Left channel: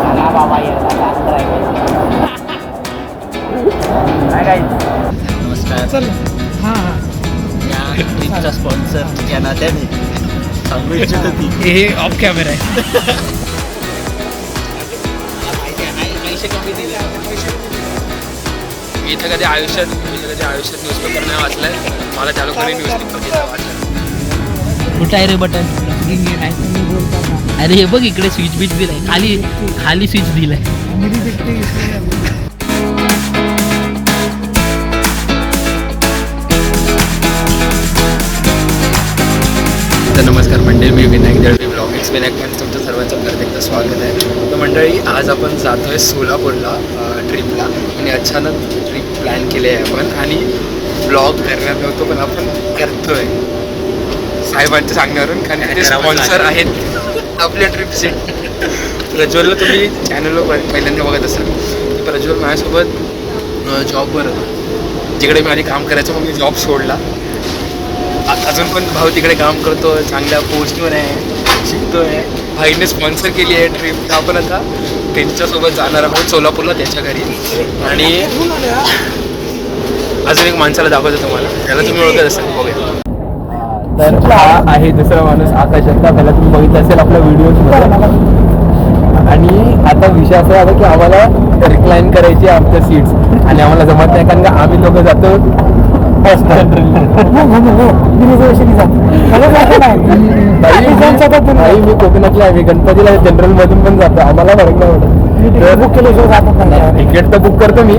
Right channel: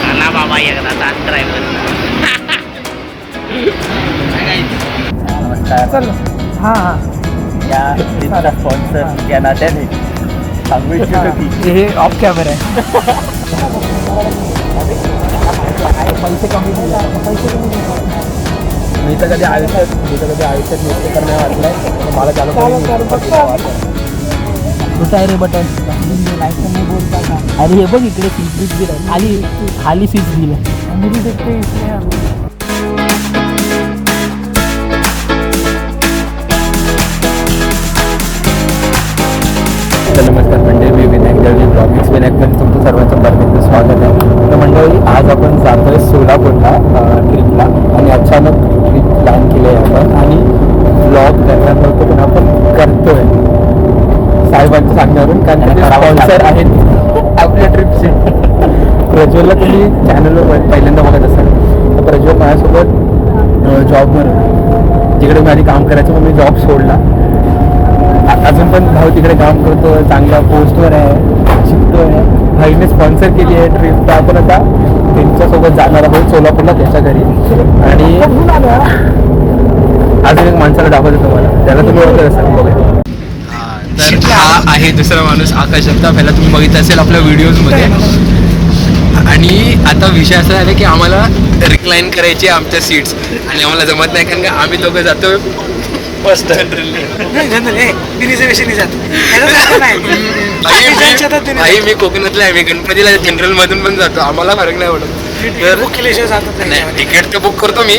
चला बाबा एकदा ड्रायव्हर. नमस्कार. चल. हां हां. या ट्रिपचा स्पॉन्सर या नात्याने सांगू इच्छितो की हे ऑफ कॅमेरा आहे. पैसे कमी दिले. मी तर कधी आयुष्यात न्यूजपेपर नाही वाचलाय. मला चालू करून न्यूजपेपर. कुठं आहे रे बटन? अरे हे बघ इकडे स्विच बीच दिलाय. खाली स्विच दिलाय. तर नमस्कार मंडळी, मी विनायक दळवी ब्लॉगिक्स विनायकमध्ये तुमचं सर्वांचं परत एकदा स्वागत आहे. तर मंडळी, आज आपण जातो आहे सोलापूरला ट्रिपला. आणि अचानक ट्रिप प्लॅन केली आहे आपण. आणि ब्लॉग करणार नव्हतो पण आपण करतो आहे साहेबांच्या सांगण्यावरून, कारण ते स्पॉन्सर आहेत आपल्या ट्रिपचे. प्रज्वलला तुम्ही चॅनलवर पहिल्यांदा बघत असाल तर प्रज्वल माझ्यासोबत जॉबवर होतो. जिकडे मी आधी काम करायचं पण मी जॉब सोडला. अजून पण भाऊ तिकडे काम करतो आहे, चांगल्या पोस्टवर आहे, शिकतो आहे. भाईने स्पॉन्सर केली आहे ट्रिप. तर आपण आता त्यांच्यासोबत जाणार आहोत सोलापूरला, त्याच्या घरी. आणि अजून एक माणसाला दाखवतो तुम्हाला, त्याला तुम्ही ओळखत असाल बघा. तर हा आहे दुसरा माणूस, आकाश जगताप. ह्याला तुम्ही बघितलं असेल आपल्या व्हिडिओजमध्ये. आणि आता विषय असा झाला की आम्हाला रिक्लाईन करायची आमच्या सीट्स, आणि आम्हाला जमत नाही कारण का आम्ही दोघं जातो फर्स्ट जनरल. मी कोकणातला आहे, मी गणपतीला जनरल मधून पण जातो. आम्हाला फरक नाही पडत. बुक केल्याशिवाय जातात नाही. तिकीट तर बुक करतो मी,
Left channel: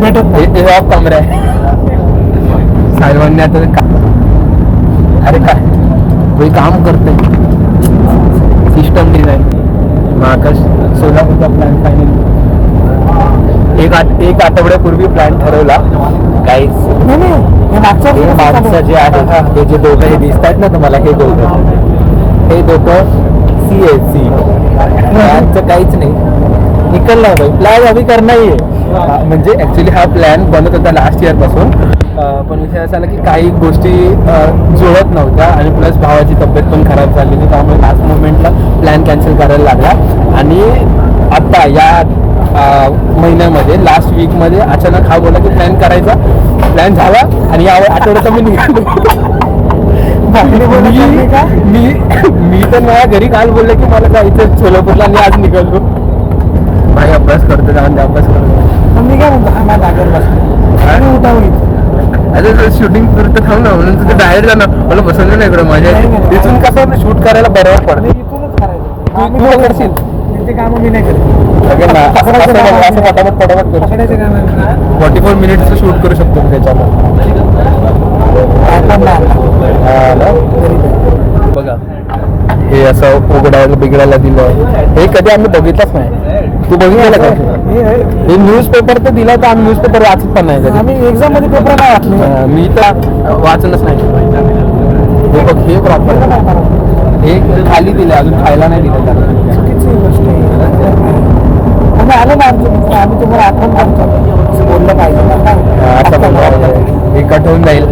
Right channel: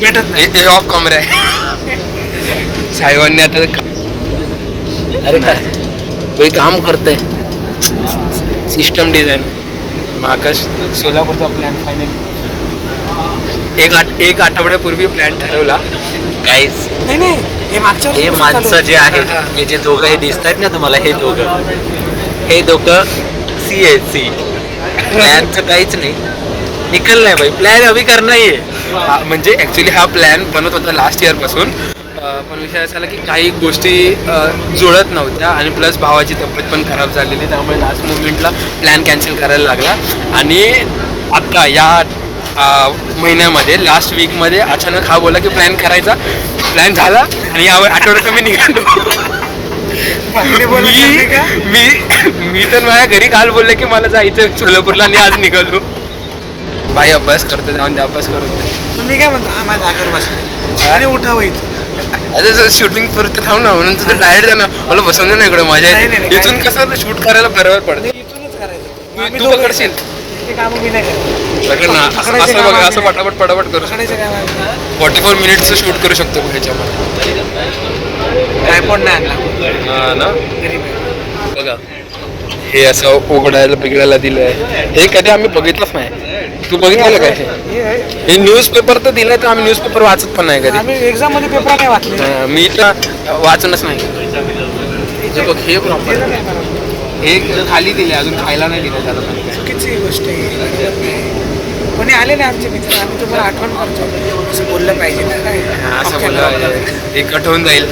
भेटत नाही. हे ऑफ कॅमेरा आहे. साहेबांनी आता अरे काय काम करतंय सिस्टम डिझाईन. मग आकाश सोलापूरचा प्लॅन फायनली एक आठवड्यापूर्वी प्लॅन ठरवला. काहीच नाही हे माणसं जे आहेत, हे जे दोघं हे दिसत आहेत ना तुम्हाला, हे दोघं CSC. प्लॅनचं काहीच नाही, निकल नाही भाई. प्लॅन अभी करना ही आहे. म्हणजे ॲक्च्युली हा प्लॅन बनत होता लास्ट इयरपासून, पण विषय असा आला की काही गोष्टी जुळत नव्हत्या. आणि प्लस भावाची तब्येत पण खराब झालेली, त्यामुळे लास्ट मुवमेंटला प्लॅन कॅन्सल करायला लागला. आणि आत्ता या महिन्यामध्ये लास्ट वीकमध्ये अचानक हा बोला की प्लॅन करायचा. प्लॅन झाला आणि या आठवड्यात मी निघालो. मी तर माझ्या घरी काल बोलले की मला जायचं सोलापूरला, आणि आज निघालो. भाई अभ्यास करतो, जाऊन अभ्यास करतो. मी काय म्हणतो, हा माझ्या जागेवर बसला आणि उठावं इथं. अरे शूटिंग पुरतं थांब ना, म्हणून तुझं डायरेक्ट जाणार. मला बसवलं ना इकडं माझ्या इथून कसं शूट करायला बरोबर पडतं. इथूनच करायचं. तू पकडशील ते कामं मी नाही करत. असं पटापट करू शकतो. 44 मिनिट्सचं शूट करू शकतो ह्याच्यामध्ये. ट्रायपॉड नाही आणला. हा ना, गरीब आहे. बघा हे असं उघडायला बिघडायला दिलंय. हे कधी आम्ही बघितलंच नाही. तू बघितलेलं का हे न्यूजपेपर तर दिलाय, तर आम्ही न्यूजपेपर वाचत पण नाही कधी. आम्ही एक्झाम मध्ये पेपर नाही वाचले. मी तर वाचूनच नाही. हे बघ, हे प्रॉपर हे खाली दिले, अजून खायला नाही दिलं त्याला. चुकीची गोष्ट आहे. कोणी आले ना आमचे मित्र, आम्ही तुम्हाला आठवण करतो. असं बोललं पाहिजे ना. काय असं बोललं हे कट होऊन जाईल.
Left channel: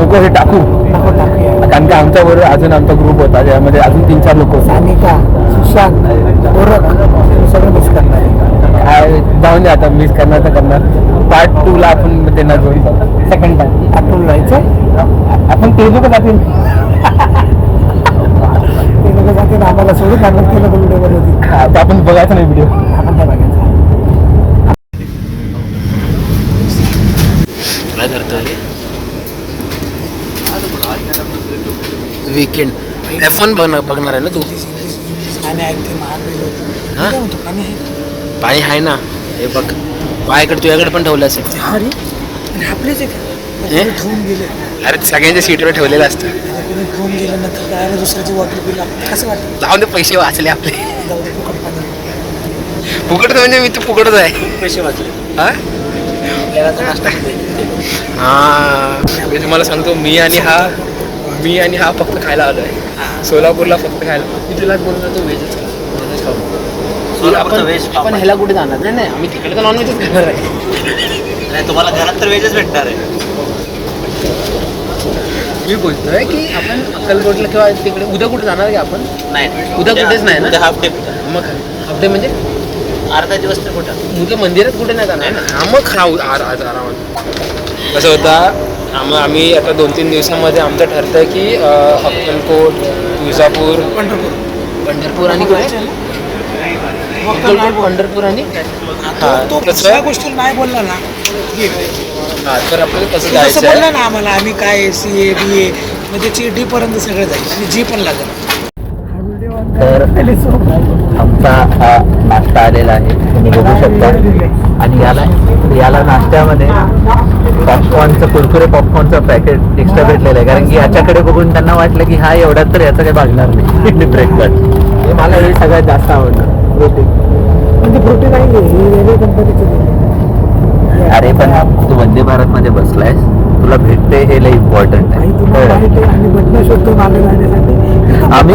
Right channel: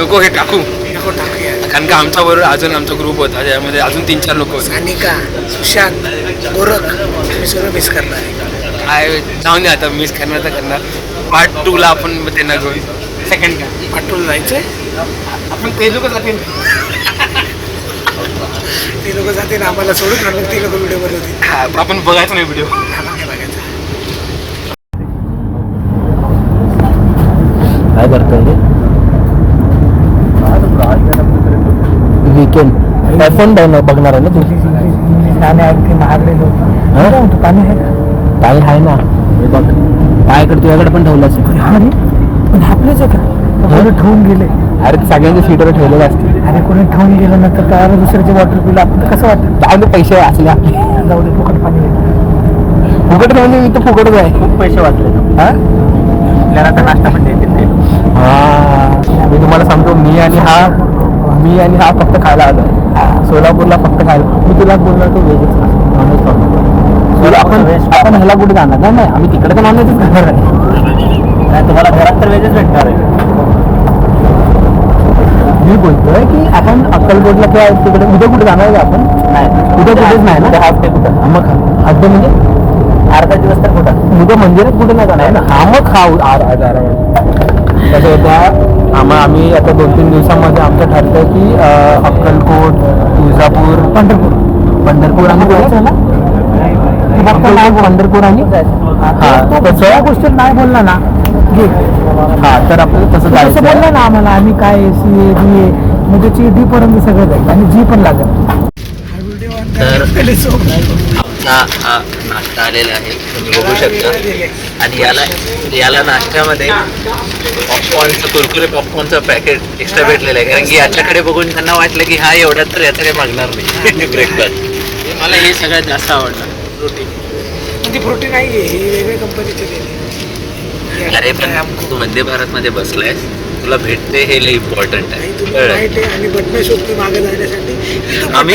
नको हे टाकू, टाकूया. कारण का आमच्या बरोबर अजून आमचा ग्रुप होता, ज्यामध्ये अजून 3-4 लोक होते. सानिका, सुशांत, गोरख, मी सगळं मिस करणार आहे. काय जाऊन दे आता, मिस करणार तर करणार. पार्ट 2ला आपण त्यांना घेऊन सेकंड पार्ट पाठवून जायचं. आपण ते लोक जातील. ते लोक जातील आम्हाला सोडून, आणि मग ते लोक व्हिडिओ बनवतील. हा, तर आपण बघायचं नाही व्हिडिओ. आपण काय बघायचं. काय करतोय वीकेंड F1 बघणार आहे ना तू? पाणी आहे ते महागडे लोक. पाणी आहे का? पाणी आहे ना, हे बघ पायाकडे तुझ्याकडे पण ठेवलं असेल. हा रे, पण आपलेच आहे का? कोणी ठेवून गेले. अरे सगळ्यांच्या सीटवर ठेवलेलं असतं. आणि कोणी ठेवून गेलं नंतर काय दुसऱ्याची वॉटर बिल आपण कसं वाटतं. जाऊन ते पैसे वाचले आपले. जाऊ दे, फुकट पाणी. फुकट म्हणजे मी तर फुकटच आहे. खूप पैसे वाचले. हा, आपल्याला आता नाश्ता पण देतील ते. हा, मी तुम्हाला सांगतो, मी आणि हा फक्त खायला आलो आहे सोलापूरला. फक्त खायला. मी तुला बोलणार तो व्हेजच खा, नॉनव्हेज खाऊ नको. आपण ह्याला कुठे जाणार नाही. आम्ही तिकडे तर नॉनव्हेजच खाणार आहे. नाही, तुम्हाला घरात तर व्हेजच भेटणार आहे. मी बोलतोय की आपण अक्कलकोटला किंवा तिकडे उद्या कुठे जाणार आहे का आपण? नाही उद्या कुठेच नाही ना? उद्या हाफ डे कुठं? मग हाफ डे म्हणजे अर्धा दिवस तर कुठं? उद्या मंदिरात कुठे नाही जाणार ना? हा मग कसं होता आम्ही आता 2-3 दिवसामध्ये आमचं ठरतंय की अक्कलकोट, तुळजापूर, पंढरपूर आणि पंढरपूर आणि तो दुसऱ्या गोष्टी नाही बोलला ना हा तर आपल्याला तसं तसं जायचं बोलला आहे. ना आम्हाला आम्ही काय CA BA म्हणजे डी पर्यंत सगळं जाईल आणि जी पण लागेल. तर आमचा हा नाश्ता आलेला आहे, तुम्ही बघू शकता. आणि याला नाश्त्यामध्ये पॉपकॉर्नचं कुरकुरे पॉपकॉर्नचं पॅकेट एक्स्ट्रा भेटलेलं आहे, कारण की याच्याकडे बघून त्यांना वाटलं की हा एवढ्यात तर याचं काही भागणार नाही ब्रेकफास्ट. मला हे सगळ्यात जास्त आवडतं रोटी. म्हणजे प्रोटीन नाही आहे ही रेल्वे कंपनीची दिली. अरे पण तू वंदे भारतमध्ये बसलायस, तुला भेटते हे लय इम्पॉर्टंट आहे. काही तुम्हाला माहित आहे आम्ही बटणं शोधतो मागे जाण्यासाठी इथं आम्ही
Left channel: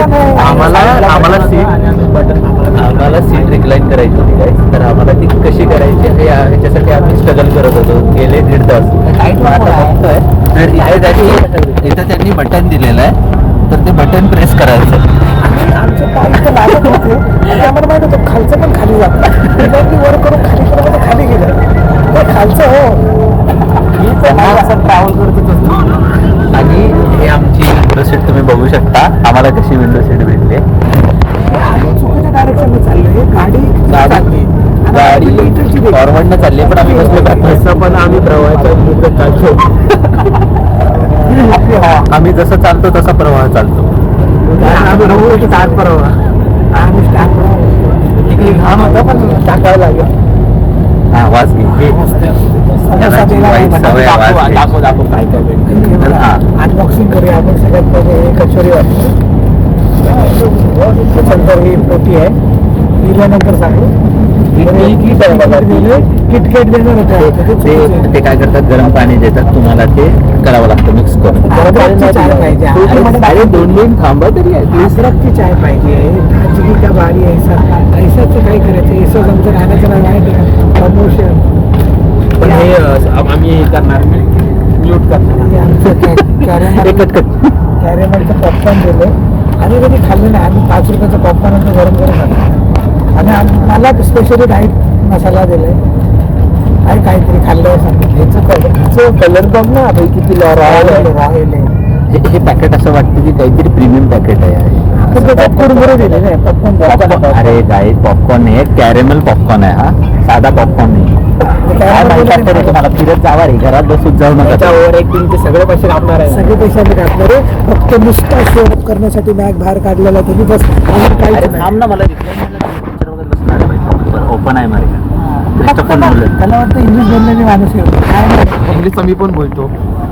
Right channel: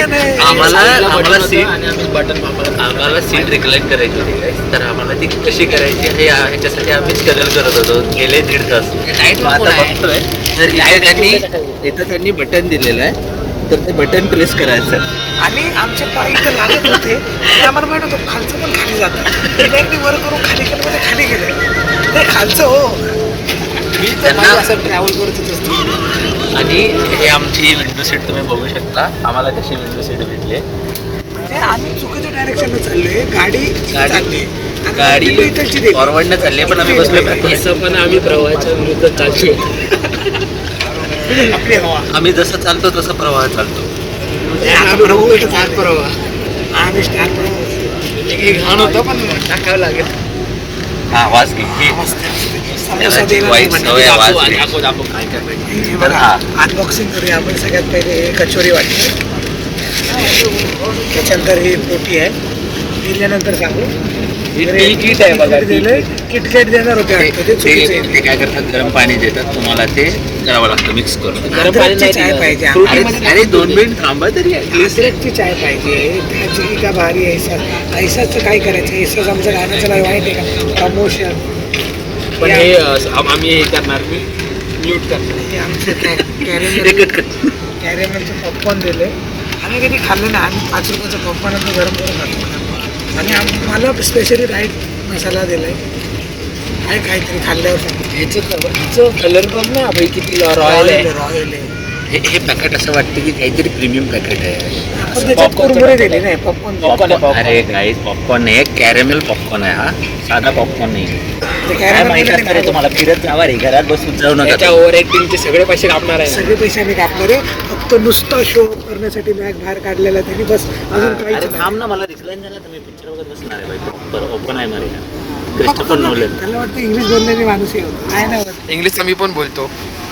बटण आहे. आम्हाला सीट रिक्लाइन करायची होती काय, तर आम्हाला ती कशी करायची हे ह्याच्यासाठी आम्ही स्ट्रगल करत होतो गेले 1.5 तास. मग आता बघतोय तर इथं त्यांनी बटन दिलेलं आहे, तर ते बटन प्रेस करायचं. आणि आमचे पाय इथं लागत होते आणि आम्हाला माहित होतं खालचं पण खाली जातं. एकदा वर करून खाली केलं म्हणजे खाली गेलं ते खालचं हो. मी त्यांना असं ट्रॅव्हल करतच असतो. आणि हे आमची विंडो सीट तुम्ही बघू शकता, आम्हाला कशी विंडो सीट भेटली. ते आम्ही चुकीच्या डायरेक्शनला चाललोय. गाडी चालली गाडी इथलची देखील. फॉरवर्डनं चालली पण आम्ही बसलो बाकी. तसं पण आम्ही प्रवाहाच्या विरुद्ध चालतो. आपली हवा आम्ही जसं चालतो तसा प्रवाह चालतो. आम्ही स्टार्ट घाण होता पण टाकावं लागेल. हा वास घे त्याला वाईट सवय आहे, वास घे. दाखव काय काय भेटलं. तर हा अनबॉक्सिंग करूया आपण. सगळ्यात पहिले हे कचोरी वाटते, त्याच्यानंतर ही पोटी आहे. दिल्यानंतर सांगू किट आहे बघा. किटकॅट देणार होते ते- वाटतं. ते चुकीचं आहे. ते काय करतात, गरम पाणी देतात तुम्हाला, ते करावं लागतं मिक्स करून. अद्रकची चाय पाहिजे अरे 2 मिनिट थांबा तरी ऍटलीस्ट. अद्रकची चाय पाहिजे. ताजगी का भारी ऐसाचं काय करायचं. ऐसाच आमचं गाण्याचं नाही माहिती आहे का प्रमोशन. पण हे आम्ही हे करणार म्यूट करणार. हे आमचं कॅरेमलचं पॉपकॉर्न दिलं आणि कधी खाल्लं नाही. आम्ही 5 रुपयाचं पॉपकॉर्न नंतर गरम करून खाल्लं. आणि मला स्पेशली व्हाईट मसाला दिलाय. काय काहीतरी खाल्ल्यावर सांगितलं. ह्याचं कलर पण ना भाई किती रॉयल आहे. रॉयल आहे. हे पॅकेट असं वाटतं की काहीतरी प्रीमियम पॅकेट आहे. पण त्याच्यात कुरमुरे दिले नाही. पॉपकॉर्न अरे गाईस, पॉपकॉर्न नाही, कॅरेमेल पॉपकॉर्न आहे हा, साधा पॉपकॉर्न नाही. काय माहित असतं रे तुम्हाला, फिरत जावा रे, घरात बसून जाऊ नका. त्याच्या ओव्हर ऍक्टिंगचे सगळे पैसे कापणार आहे. सगळे पैसे आम्ही कापले रे. फक्त नुसतं शो अप करण्यासाठी बॅग बाहेर काढलेला त्यांनी बस. अजून काहीच अरे नाही. थांब ना, मला रिप्लाय द्यायला पिक्चर वगैरे बसणार आहे बाई. बरं ओपन आहे मारे क्रिस्टोफर नोलन. त्याला वाटतं इंग्लिश बोलण्याने माणूस येतो. काय नाही इंग्लिश आम्ही पण बोलतो.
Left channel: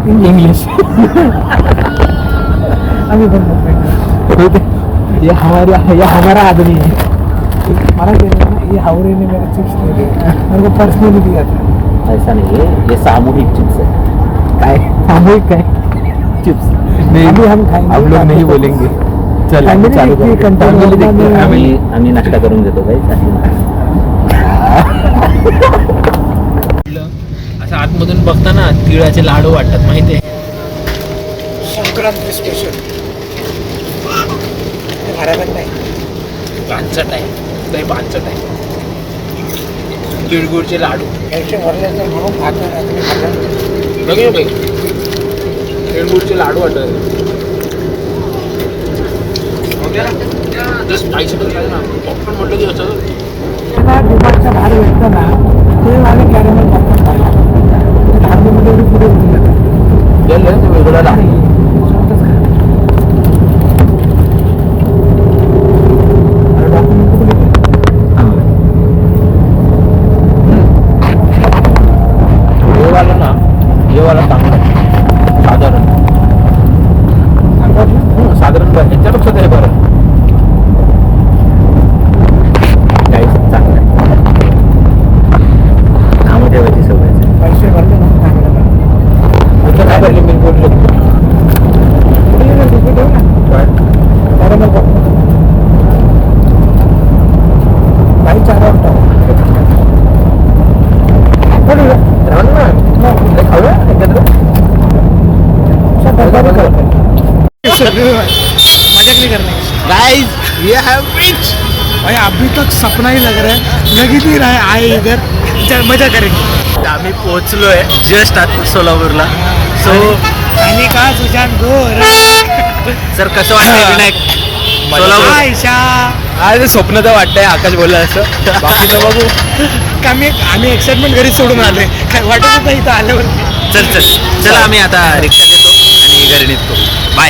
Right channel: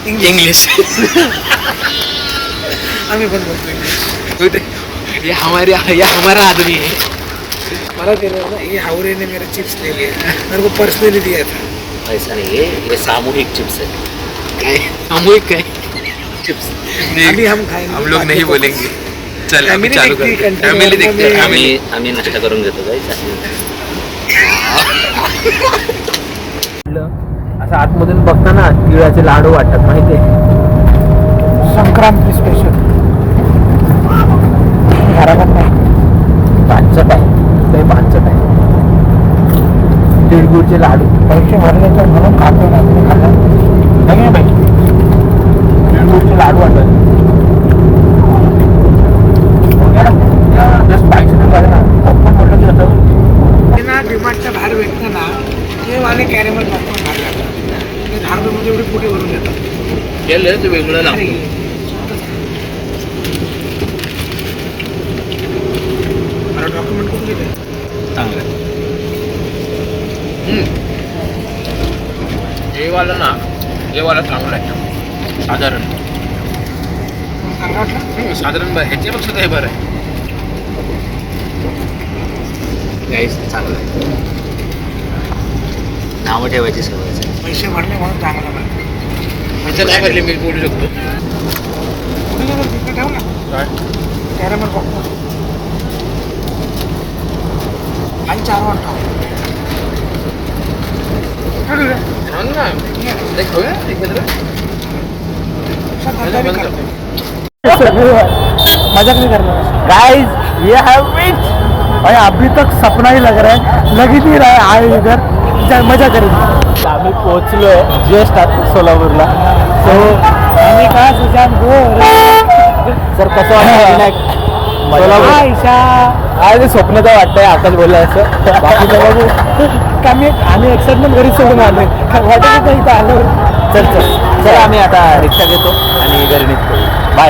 इंग्लिश आम्ही पण बोलतो. ये हमारा आदमी है. मला दिलं ना ये हावरे ने मेरे चिप्स ले लिए, मेरे को पर्सनली दिया था. ऐसा नहीं है, ये सामूहिक चिप्स है. काय सामूहिक काय चिप्स अभी हम खाएंगे. हम लोग नहीं बोलेंगे. चल अभी Family चालू दिखती है, करते हैं. control फॅमिली करने दिखते में. आम्ही नाश्ता करून घेतो गाईस. असं आतमधून बघताना तिळाचे लाडू वाटतात माहितीये. संक्रांत स्पेशल घरात नाही. पानचट आहे, तरी पानचट आहे. तिळगुळचे लाडू पैसे भरले तर म्हणून खातो ना. तुम्ही खाता बघा बाई, तिळगुळचे लाडू वाटत. जस्ट स्पायसी झालं ना. पॉपकॉर्न म्हटलं की असं ते ना डिमांडच्या बाहेर भेटतं ना. तुम्ही मला कॅरेमल पॉपकॉर्न 10 रुपयामध्ये एवढी पुढे भरून देतात. गेलं ते वेगळं लागतं. डॉक्युमेंट कुठे देते? चांगलं आहे. हे वाला ना, हे वाला चांगलं आहे साधारण. साधारण ह्याच्यापेक्षा तर हे बरं आहे. गाईस चांगलं आहे. नावं ठेवायची सवय आहे. पैसे भरले म्हणून चांगलं बरं. ह्याचं काय भरले मी बोलू शकतो. कुठे नाही रुपये ठेव ना. कॅरेमल पॉपकॉर्न भाई 4 टाक. खाऊया एकत्र. करतो. मजाक नहीं करने का गाइस ये हैव रीच भाई, अभी तक सपना ही लग रहा है, लग ही नहीं रहा है आए इधर मजा करेंगे. आम्ही पोहोचलोय जस्ट आता सोलापूरला. सो आणि का सुशांत गोर सर कसं वाटतं विनायक सोलापूर? आयशा आज स्वप्न तर वाटतंय आकाश बोलला असं. बाकी तर बघू. आम्ही एक्साइटमेंट घरी सोडून आले, काय वाटत नाही इथं आल्यावर. चल चला आम्ही आता रिक्षा घेतो आणि घरी निघतो. बाय.